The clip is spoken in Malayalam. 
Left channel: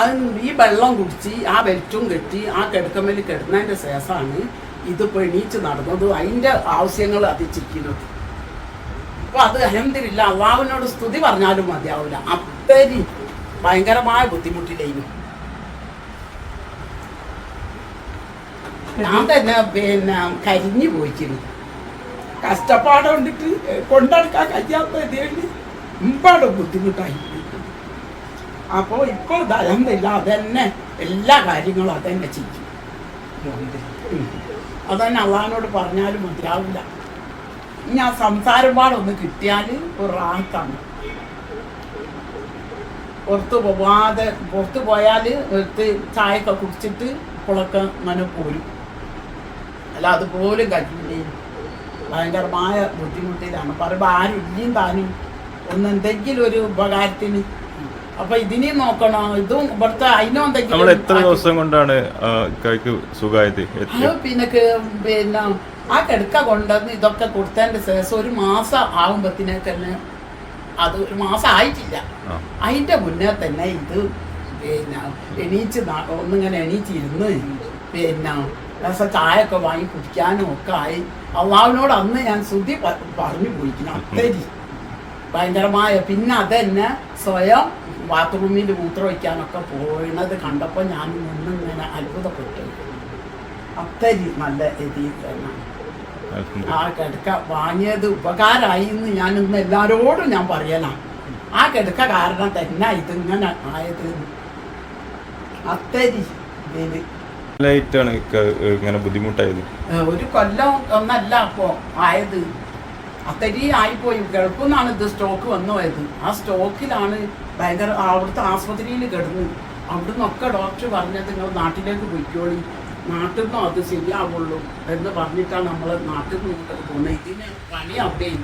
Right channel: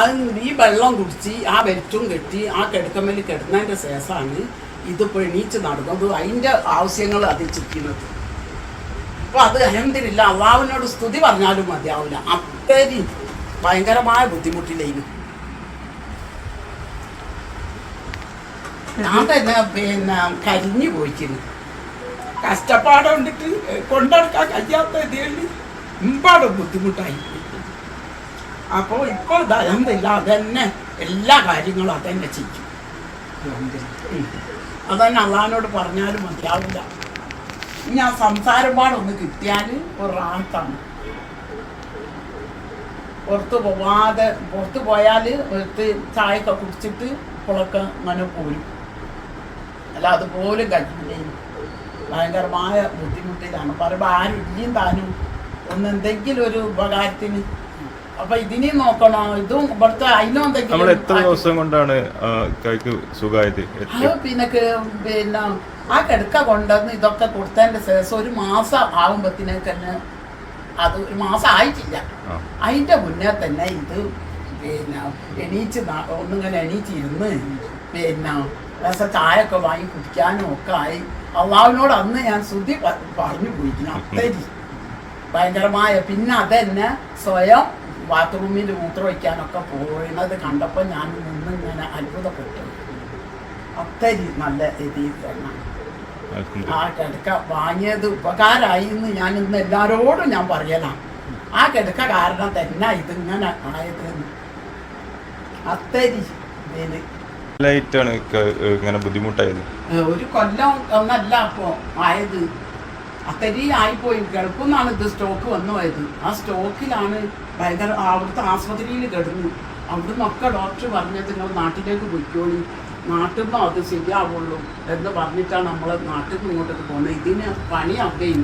അത് ഈ വെള്ളം കുടിച്ച് ആ വെളിച്ചും കെട്ടി ആ കിടക്കമ്മേൽ കിടന്നതിൻ്റെ ശേഷമാണ് ഇതിപ്പോൾ എണീച്ച് നടന്നത്. അതിൻ്റെ ആവശ്യങ്ങൾ അത് ചിക്കുന്നത്. അപ്പോൾ അത് അഹമ്മദില്ല അള്ളാഹുവിനോട് സ്തുതി പറഞ്ഞാലും മതിയാവില്ല. അത്രയും ഭയങ്കരമായ ബുദ്ധിമുട്ടില്ലായിരുന്നു. ഞാൻ തന്നെ കരിഞ്ഞു പോയിക്കുന്നു. കഷ്ടപ്പാട് കൊണ്ടിട്ട് കൊണ്ടെടുക്കാൻ കഴിയാത്ത ഇതിൽ മുമ്പാട് ബുദ്ധിമുട്ടായി. അപ്പോൾ ഇപ്പോൾ അൽഹംദുലില്ലാ അതന്നെ എല്ലാ കാര്യങ്ങളും അതന്നെ ചെയ്യും. അതന്നെ അള്ളാഹിനോട് പറഞ്ഞാലും മതിയാവില്ല. ഇനി ആ സംസാരം പാടൊന്ന് കിട്ടിയാൽ ഒരു റാത്താണ്. പുറത്ത് പോയാൽ എടുത്ത് ചായയൊക്കെ കുടിച്ചിട്ട് ഇപ്പോഴൊക്കെ അങ്ങനെ പോരും. അല്ല അതുപോലും കഴിയില്ലേ. ഭയങ്കരമായ ബുദ്ധിമുട്ടിലാണ്. പറയുമ്പോൾ ആരും ഇല്ലയും താനും ഒന്ന് എന്തെങ്കിലും ഒരു ഉപകാരത്തിന്. അപ്പൊ ഇതിനെയും നോക്കണോ, ഇതും ഇവിടുത്തെ അതിനും എന്തെങ്കിലും. എത്ര ദിവസം കൊണ്ടാണ് സുഖമായത്? പിന്നെ ആ കിടക്ക കൊണ്ടുവന്ന് ഇതൊക്കെ കൊടുത്തതിന്റെ ശേഷം ഒരു മാസം ആകുമ്പത്തിനെ തന്നെ, അത് ഒരു മാസം ആയിട്ടില്ല, അതിന്റെ മുന്നേ തന്നെ ഇത് എണീച്ച് ഒന്നിങ്ങനെ എണീച്ചിരുന്ന് രസം ചായയൊക്കെ വാങ്ങി കുടിക്കാനും ഒക്കെ ആയി. അള്ളാഹുവിനോട് അന്ന് ഞാൻ ശ്രുതി പറഞ്ഞു പോയിരിക്കുന്നു. അത്രയും ഭയങ്കരമായ. പിന്നെ അതന്നെ സ്വയം ബാത്റൂമിൽ മൂത്രം വയ്ക്കാനൊക്കെ പോയത് കണ്ടപ്പോൾ ഞാൻ നിന്നിങ്ങനെ അത്ഭുതപ്പെട്ടു. അത്രയും നല്ല രീതിയിൽ തന്നെ ആ കിടക്ക വാങ്ങിയത് ഉപകാരമായി എന്ന് ഞാൻ ഇന്ന് എല്ലാവരോടും ഞാൻ പറയലാണ്. ആ കിടക്ക കാരണം തന്നെ ഇതിങ്ങനെ ആയത്. അത്രയും ബുദ്ധിമുട്ടായത് ഒരു കൊല്ലം ഒന്നല്ല അപ്പോ ആയത്. അത്രയും ആയിപ്പോയി. ഗൾഫിൽ ഇത് സ്റ്റോക്ക് വന്നു പോയത്. ആ സ്റ്റോക്കിലാണ് ഭയങ്കര അവിടുത്തെ ആസ്പത്രിയിൽ കിടന്നു. അവിടെ നിന്നൊക്കെ ഡോക്ടർ പറഞ്ഞത് നിങ്ങൾ നാട്ടിലേക്ക് പോയിക്കോളി, നാട്ടിൽ നിന്നും അത് ശരിയാവുള്ളൂ എന്ന് പറഞ്ഞിട്ടാണ് നമ്മൾ നാട്ടിൽ നിന്ന് ഇങ്ങോട്ടൊക്കെ പോകുന്നത്. ഇതിന് പണി അവിടെയും